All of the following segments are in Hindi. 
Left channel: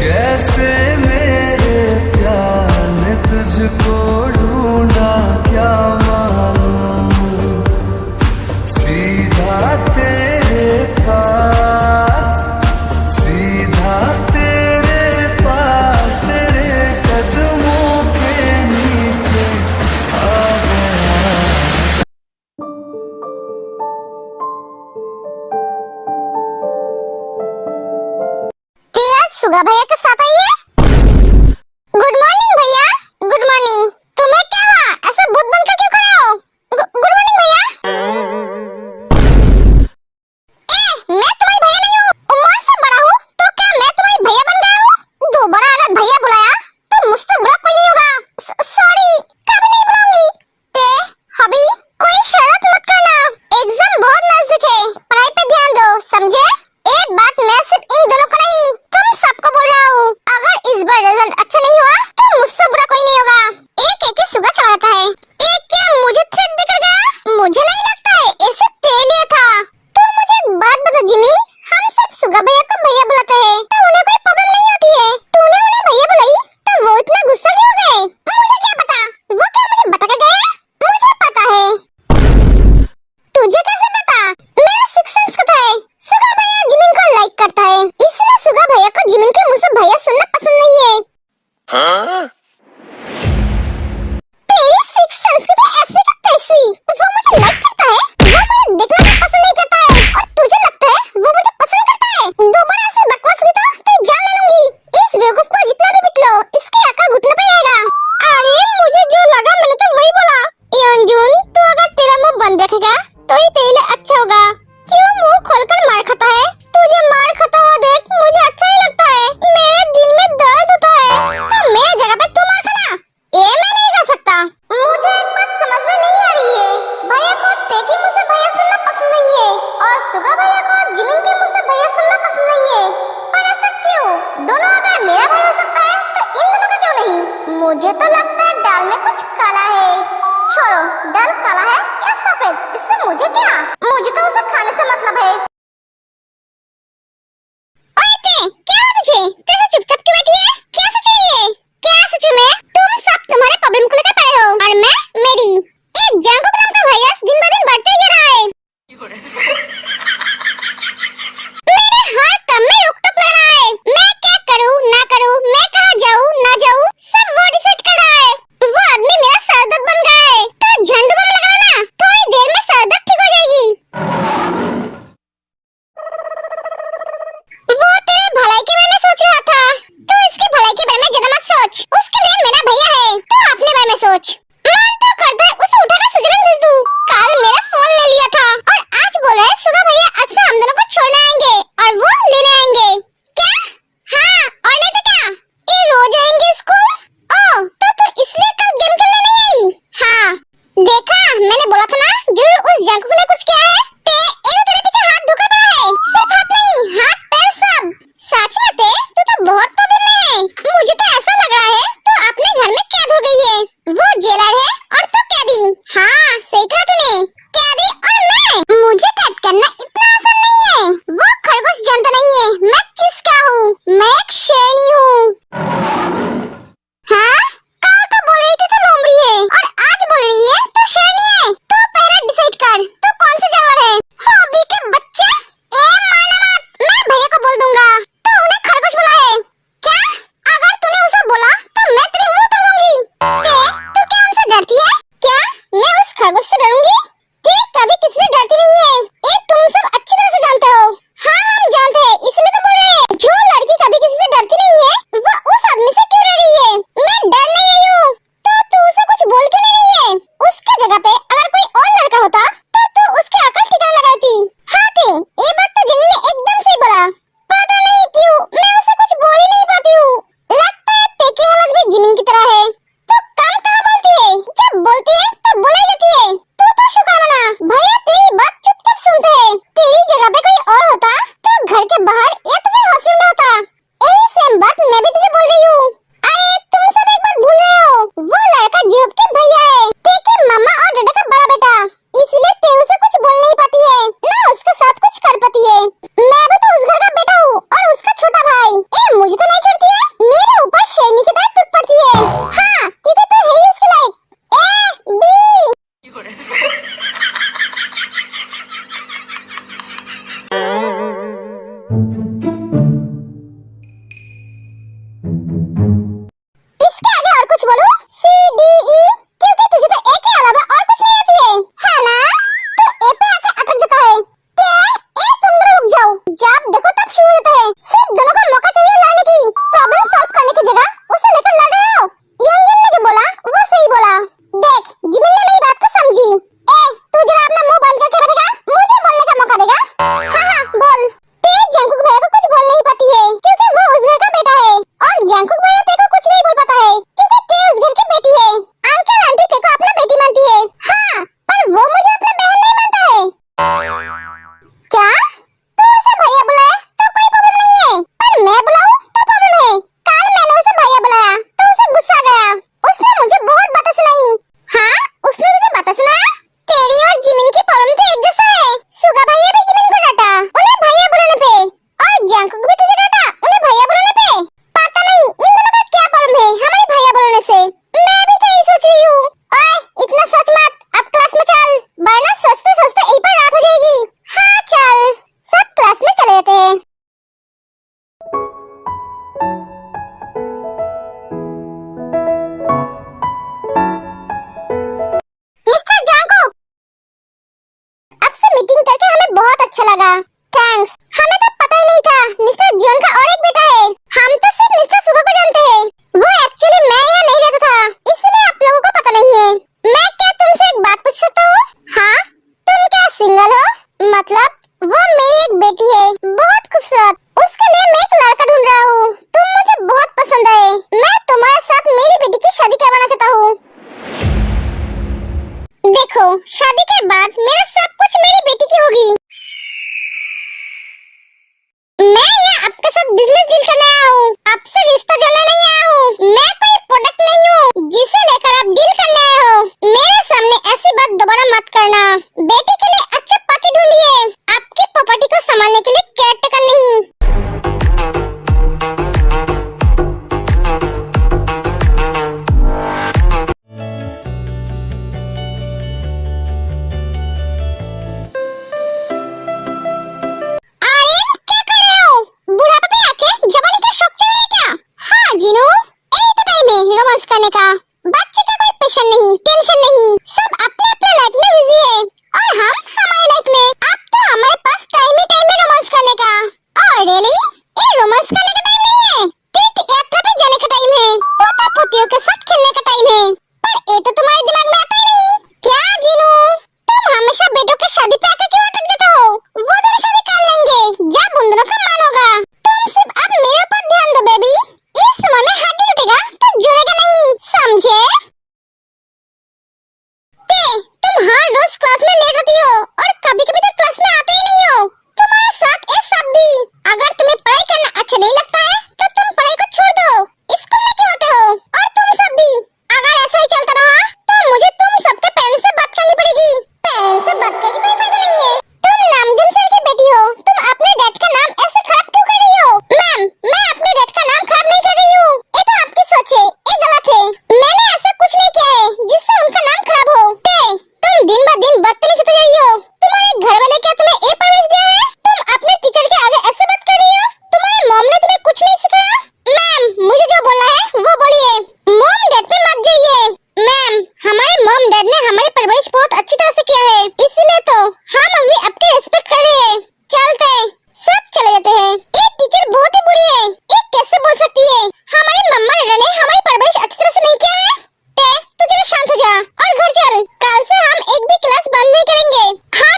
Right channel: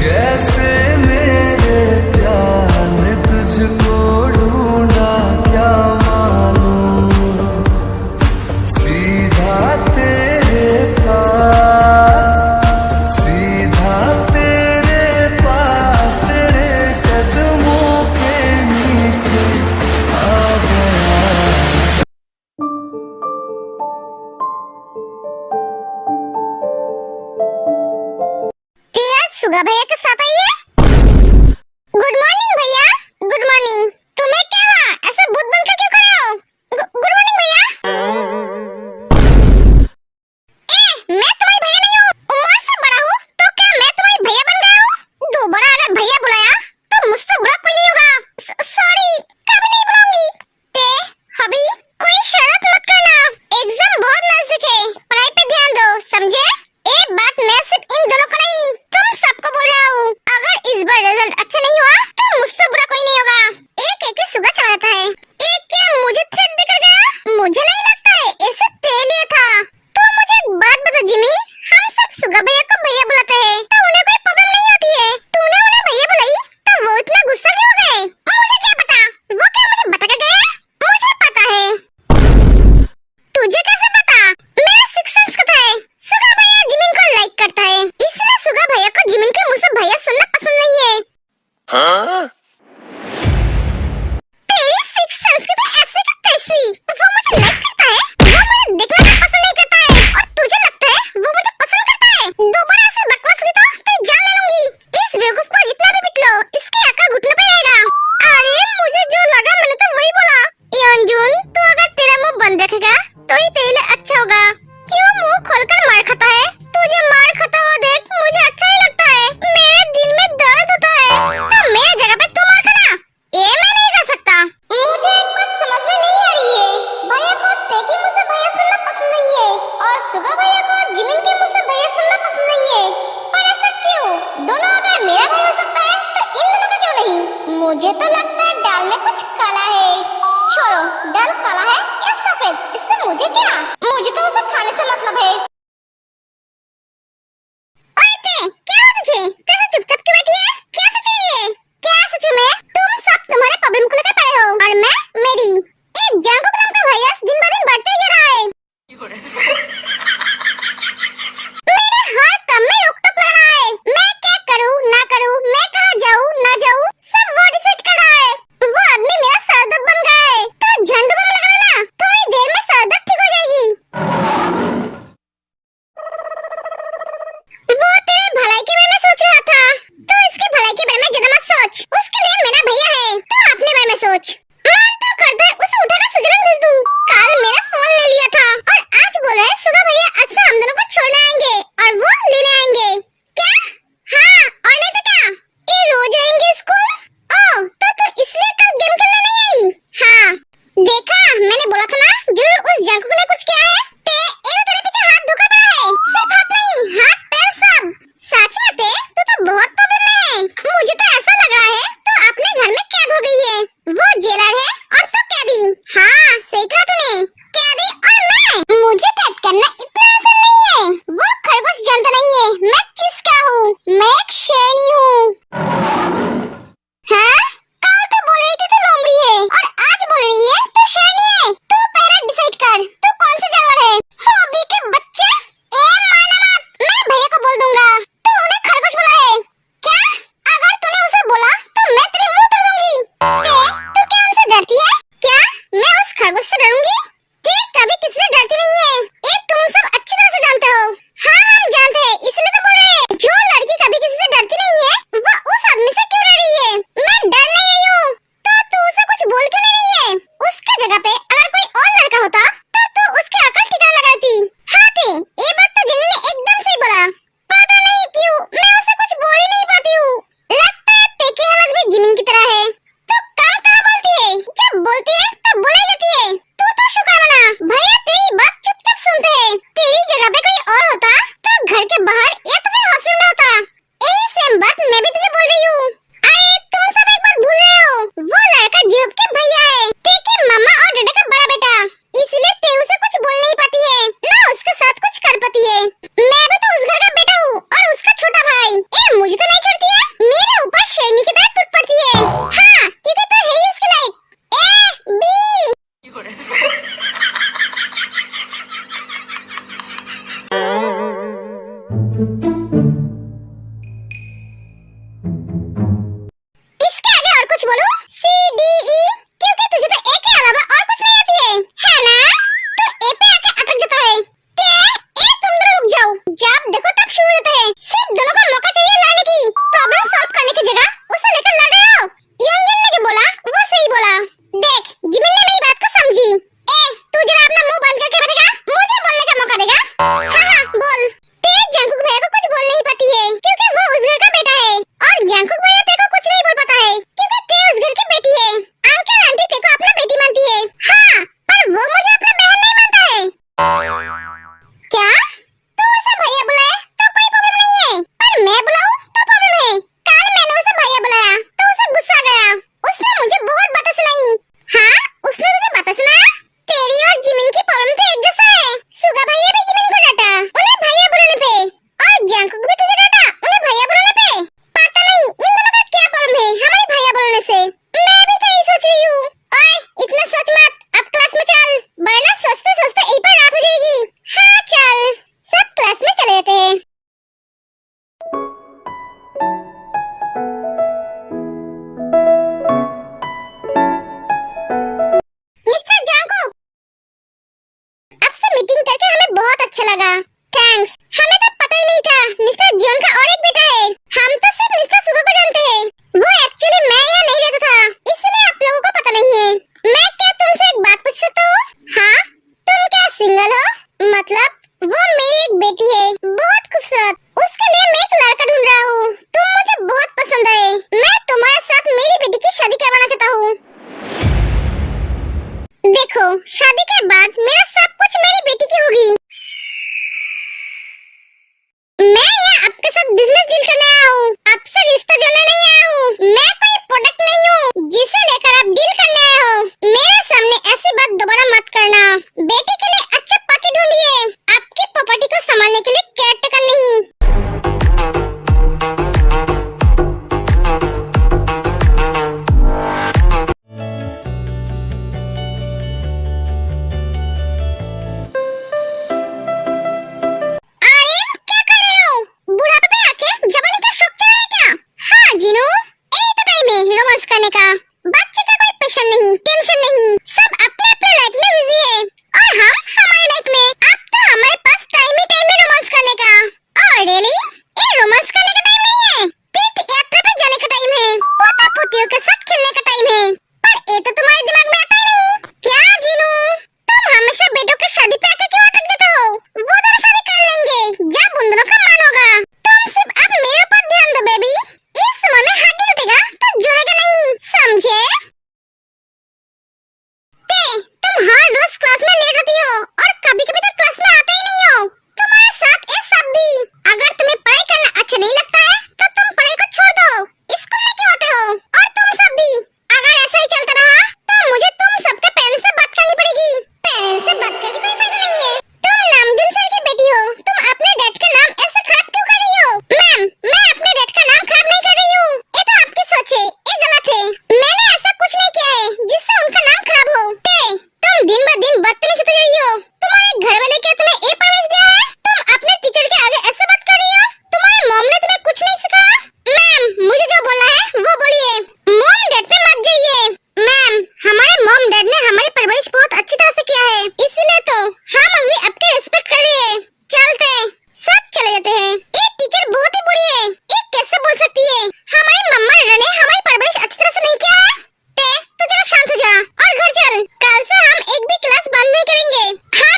कैसे मेरे प्यार ने तुझको ढूंढा क्या मालूम, सीधा तेरे पास, सीधा तेरे पास, तेरे कदमों के नीचे आ गया। सुगा भैया के साथ आइए। गुड मॉर्निंग भैया, गुड मॉर्निंग। तुम्हें क्या हुआ, ऐसे भूत बनकर क्यों खड़े हो? गुड मॉर्निंग भैया। मैं तुम्हारी भैया नहीं हूँ, उम्र से बड़ा हूँ, तो क्या मैं तुम्हारी भैया बन गया हूँ? दोबारा अगर भैया बुलाया तो मुझसे बुरा कोई नहीं होगा। सॉरी, कभी नहीं बुलाऊंगी। हबी, कोई शरारत मत करना, एग्जाम बहुत नजदीक है, पढ़ाई पे ध्यान दो, समझे? एक बात मैं सिर्फ इन दोनों को नहीं, तुम सबको बोल रहा हूँ, अगर इसके आगे और कुछ बोलो? सी डी ई, क्योंकि तुझे तो ए के अलावा और कुछ नहीं आती है ना? तो ए पे आके अटक जाता है। ते ए तुम दोनों रुक जाओ, जब देखो तब शुरू होता है। सिर्फ दोनों को मौका चाहिए लड़ने की, प्रॉब्लम सॉल्व करने की जगह उसे लेकर लड़ रहे हो। यंगन ने जो बोला वो सही बोला। देख जिमिन ने मेरी बात को समझी। ए तू जरा अपना मुंह बंद करके बैठेगा, मुझे बोलने का मौका देगा। हाँ बोल। ते जंकुक भैया को कुछ बोल नहीं पाती है क्योंकि वो उस घर का बेटा है, और जंकुक भैया ते को कुछ नहीं बोल पाता है क्योंकि ते उस घर की बेटी है। अंकल आंटी ते को अपना बेटी मानती है, हाँ, पर वो मुझे अपना बहन नहीं मानता है। क्या तू उसे भैया बुलाए तो कोई प्रॉब्लम नहीं है, पर मैं बुलाऊं तो प्रॉब्लम है। कल मैंने उसे भैया बुलाया तो उसे गुस्सा आ गया, उसने मुझे बहुत बातें सुनाई। हाँ उसने तुझे बातें सुनाया? तेरी और जिमिन की प्रॉब्लम तो एक जैसा है। सुगा भैया भी जिमिन को डांटा उन्हें भैया बुलाने पे, और जंकुक भी तुझे डांटा उन्हें भैया बुलाने पे। पता नहीं इन दोनों का क्या प्रॉब्लम है हमारे भैया बुलाने से। मैं भी तो यही सोच रही हूँ। ओए इतना सोच मत, अब क्लास में चल, वरना सोचते सोचते यहीं पर रात हो जाएगी। हाँ चल, सब क्लास में चले जाते हैं। मिस्टर जंकुक, अब से मीटिंग करके हमें बहुत अच्छा लगा। थैंक्स, हमें तो पता ही नहीं था मिस्टर जियोन का और एक बेटा है। हम तो सिर्फ मिस्टर सुगा को जानते हैं। वो एक्चुअली मैं यहाँ नहीं रहता था, इसलिए आप लोगों को पता नहीं है। मैं क्या तुमसे एक बात पूछ सकता हूँ? हाँ, तुम क्या सिंगल हो? मतलब वो मेरी एक बेटी है, बहुत खूबसूरत, उसके लिए मैं एक लड़का ढूंढ रहा हूँ। तुम मुझे बहुत पसंद है, मैं तुम्हारे साथ मेरी बेटी की शादी करवाना चाहता हूँ। देखो शादी के बाद मेरा सब कुछ मेरी बेटी की होगी। मैं यहाँ आपके साथ बिजनेस डील करने आया हूँ, आपसे रिश्ता जोड़ने नहीं आया हूँ। मैं कोई प्रोडक्ट नहीं हूँ जिसे लेकर आप डील करने आए हो। मेरे सामने ऐसी बात दोबारा मत करना। बेटी के लिए अच्छा पति ढूंढिए, आपकी प्रॉपर्टी को संभालने के लिए केयरटेकर नहीं। का बच्चे का कोई पेशेंट नहीं, टेंशन नहीं, सब अपने अपने लाइफ में बिजी है, और हम हमारे लाइफ में। अब तो हमारे पास टाइम है रोमांस करने का। और रियली ये रोमांस करने का टाइम नहीं है, तीर्थ यात्रा पे जाने का टाइम है, पोता पोतियों के साथ खेलने का टाइम है। पर ये तो तुम्हारे दिमाग में आता ही नहीं। क्या जीनू, तुम हमेशा बेटों की शादी पे आके क्यों अटक जाते हो? वो दोनों शादी कर लेंगे जब उन दोनों का मन होगा। तुम सिर्फ अब मेरे ऊपर ध्यान दो बेबी। इस समय में हड्डी टूटेगा तो जुड़ेगा नहीं, समझे? तुम हर रोज क्लास में लेट होती हो और कभी-कभी तो क्लास में आते ही नहीं हो। तुम्हारे साथ ये सब भी। अगर तुम्हें पढ़ाई करना अच्छा नहीं लगता है तो तुम पढ़ाई को छोड़ दो, स्कूल में क्यों आते हो? और तुम सब भी, अगर ऐसा ही चलता रहा तो मुझे तुम सबके पेरेंट्स से बात करनी पड़ेगी। पेरेंट्स से बात करके कोई फायदा नहीं है। तुम नामदन सर की बेटी हो, तुम अपने डैड का नाम ऐसे खराब क्यों कर रही हो? मैम, मैं अपने डैड का नाम खराब नहीं कर रही हूँ, ये तो आपकी सोच है, ये गलत है। मैंने ऐसा कुछ नहीं किया है जिससे उनका नाम खराब हो। तुम दिन ब दिन बदतमीज होते जा रही हो। तुम्हारे घर वाले क्या तुम्हें ये परवरिश दिया है? तुम अपने टीचर के आगे ऐसे बात कर रही हो? तुम्हारे मॉम ने तुम्हें कुछ नहीं सिखाया? मैम, मुझे जो बोलना है वो बोलिए, मॉम डैड पे मत जाइए। मैम, हमारे मॉम डैड ने हमारी परवरिश बहुत अच्छी तरह से किया है, इसलिए तो हम अभी आपके रिस्पेक्ट कर रहे हैं। चलते सब चले जाते हैं। ये टीचर बहुत ही बुरी है, ये कैसे बोल सकती है? हमारी मम्मा ने हमारी परवरिश अच्छी तरह से नहीं किया है। तू जरा शांत हो जा और घर चल। कल से हम एक भी क्लास बंद नहीं करेंगे। हाँ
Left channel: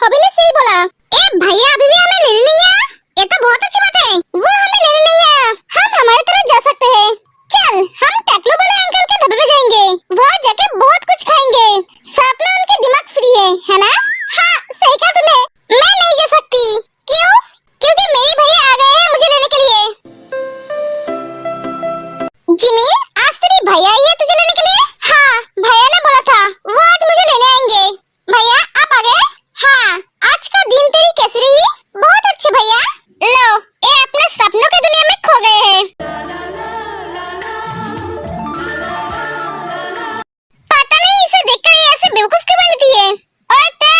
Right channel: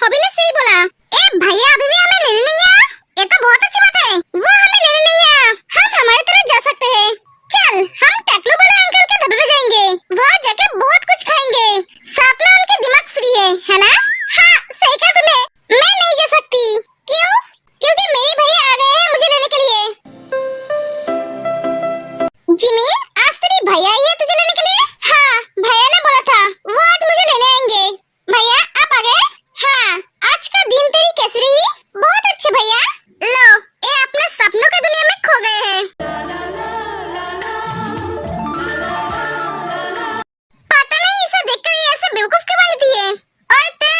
हॉबी ने सही बोला। ए भैया अभी भी हमें लेने नहीं आया, ये तो बहुत अच्छी बात है। वो हमें लेने नहीं आया, हम हमारी तरह जा सकते हैं। चल हम टकलू वाले अंकल के ढाबे पे जाएंगे, वहाँ जाके बहुत कुछ खाएंगे। साथ में उनके दिमाग फ्री है ना? हाँ सही कहा तुमने। मैं नहीं जा सकती। क्यों? क्योंकि मेरे भैया आ गए हैं मुझे लेने के लिए। जिमिन, आज तेरी भैया आई है तुझे लेने के लिए? हाँ, भैया ने बोला था वो आज मुझे लेने आएंगे। भैया आप आ गए? हाँ, आज का दिन तेरी कैसी रही? बहुत अच्छी भैया। लो, ये अपने सपनों के दुनिया में खो गए हैं। पता नहीं इसे देखकर ये ऐसे बेवकूफ क्यों बनती है। ओए ते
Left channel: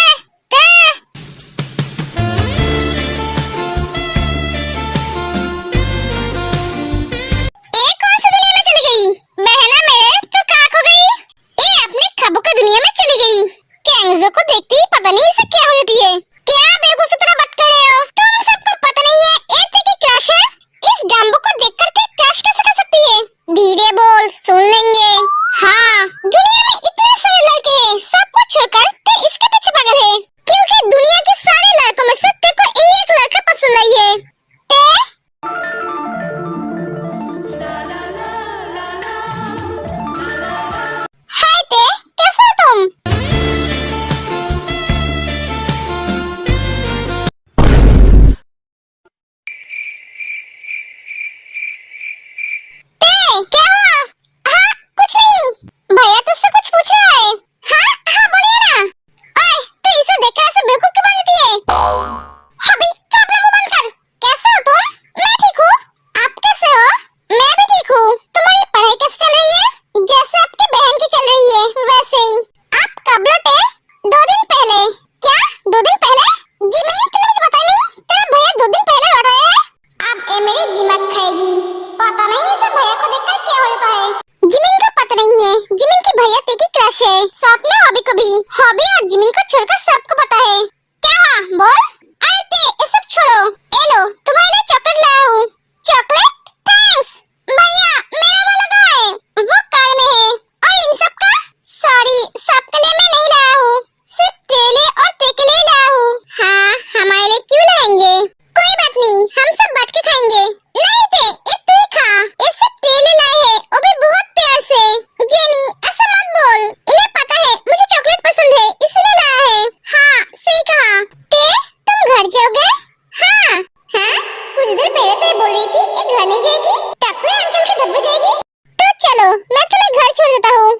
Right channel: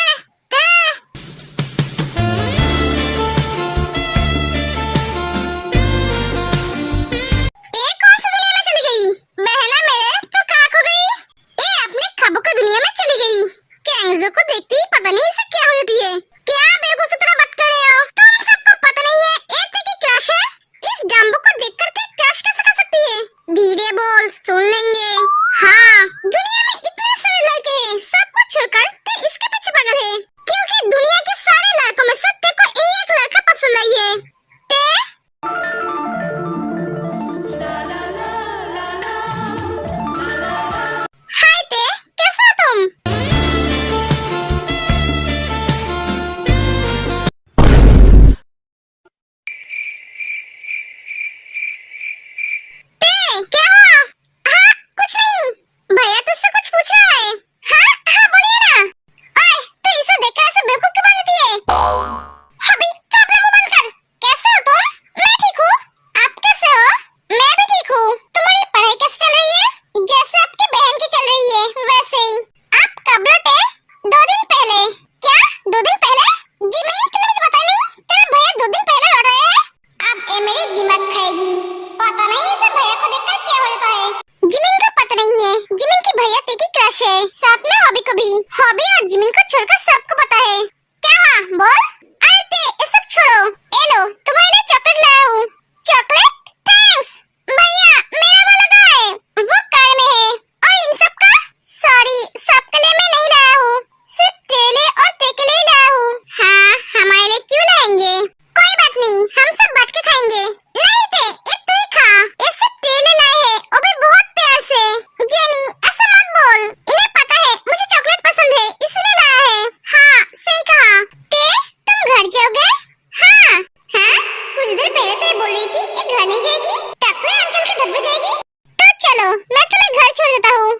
घर नहीं जाएगी तब तो अंकल की दब जाएगी। तो चलो मैं तुम्हें घर छोड़ देता हूँ।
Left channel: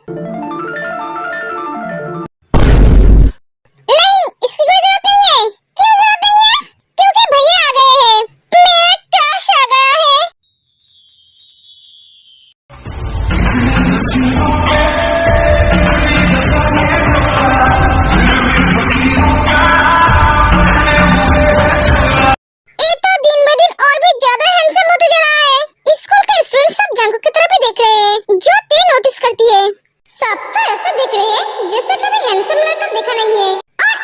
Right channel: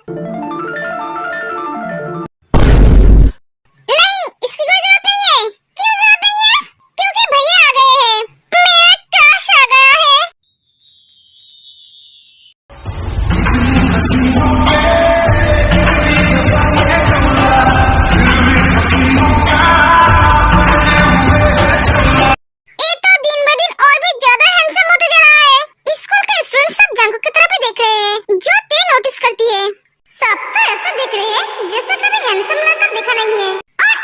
नहीं, इसकी कोई जरूरत नहीं है। क्यों जरूरत नहीं है? क्योंकि भैया आ गए हैं। मेरा क्रश आ गया है। ये तो दिन ब दिन और भी ज्यादा हैंडसम होते जा रहा है। स्कूल के स्टूडेंट सब जंगू की तरफ ही देख रहे हैं, जो ते नोटिस करती है। सब तो ऐसा देख रहे हैं जैसे कभी हैंडसम लड़का देखा नहीं है। और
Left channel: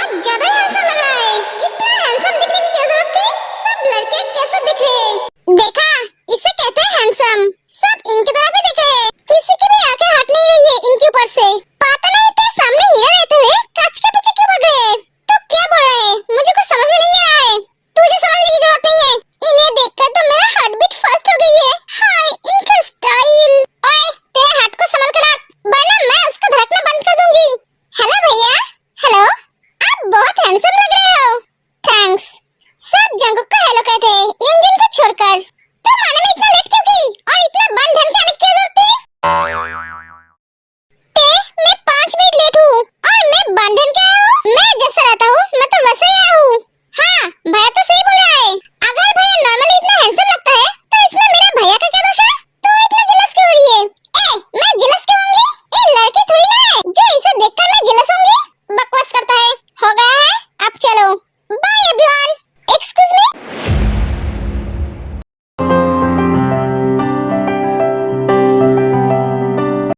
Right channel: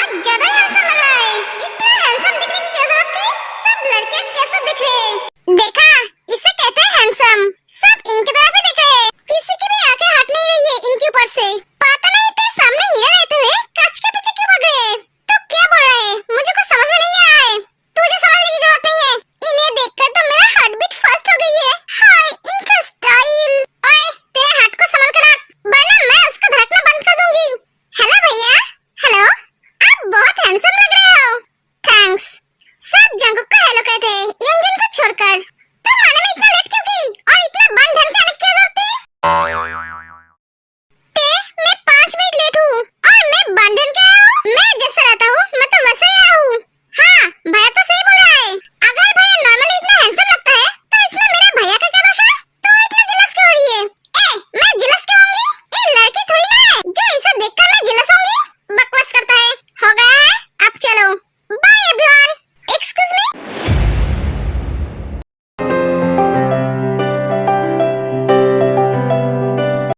आज ज्यादा हैंडसम लग रहा है। इतना हैंडसम दिखने की क्या जरूरत थी? सब लड़के कैसे दिख रहे हैं? देखा, इसे कहते हैं हैंडसम। सब इनकी तरफ ही देख रहे हैं। किसी की भी आंखें हट नहीं रही है इनके ऊपर से। पता नहीं तेरे सामने हीरा रहते हुए कांच के पीछे क्यों भाग रहे हैं? तो क्या बोल रहा है? मुझे कुछ समझ में नहीं आ रहा है। तुझे समझने की जरूरत नहीं है। इन्हें देखकर तो मेरा हार्ट बीट फास्ट हो गई है। हाय, इनका स्टाइल। ओए, तेरे हार्ट को संभाल कर रख, वरना मैं उसका धड़कना बंद कर दूंगी। हेलो भैया। हेलो, आप बहुत हैंडसम लग रहे हो। थैंक्स। सब जंगुक को हेलो कहते हैं,